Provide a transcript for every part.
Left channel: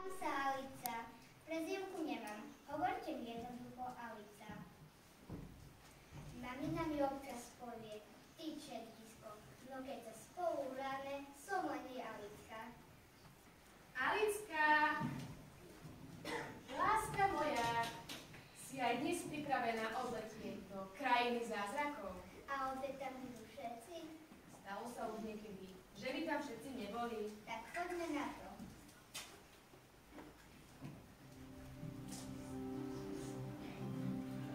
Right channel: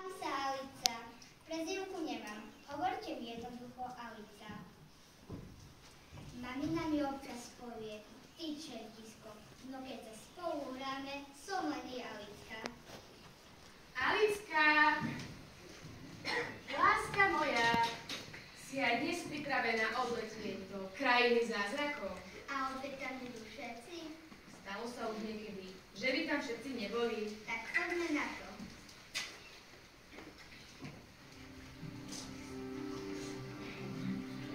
Volám sa Alica. Prezývku nemám. Hovorte mi jednoducho Alica. Mamina mi občas povie, ty čertisko, no keď sa spolu hráme, som len Alicka. Alicka, láska moja, si aj dnes pripravená odletieť do krajiny zázrakov. A opäť tam budú všetci? Stalo sa už niekedy, že by tam všetci neboli. Tak poďme na to.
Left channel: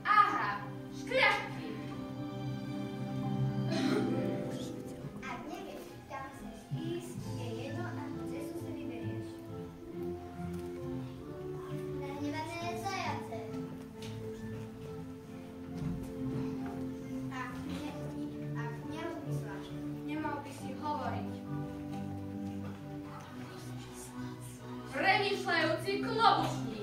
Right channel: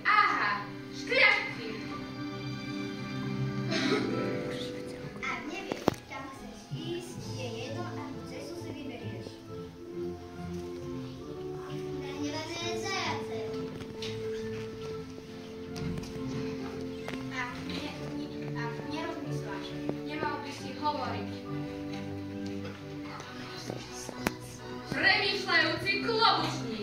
Aha, škriačky. Ak nevieš, kam chceš ísť, je jedno, akú cestu si vyberieš. Nahnevané zajace. Ak nerozmýšľaš, nemal by si hovoriť. Premýšľajúci klobučník.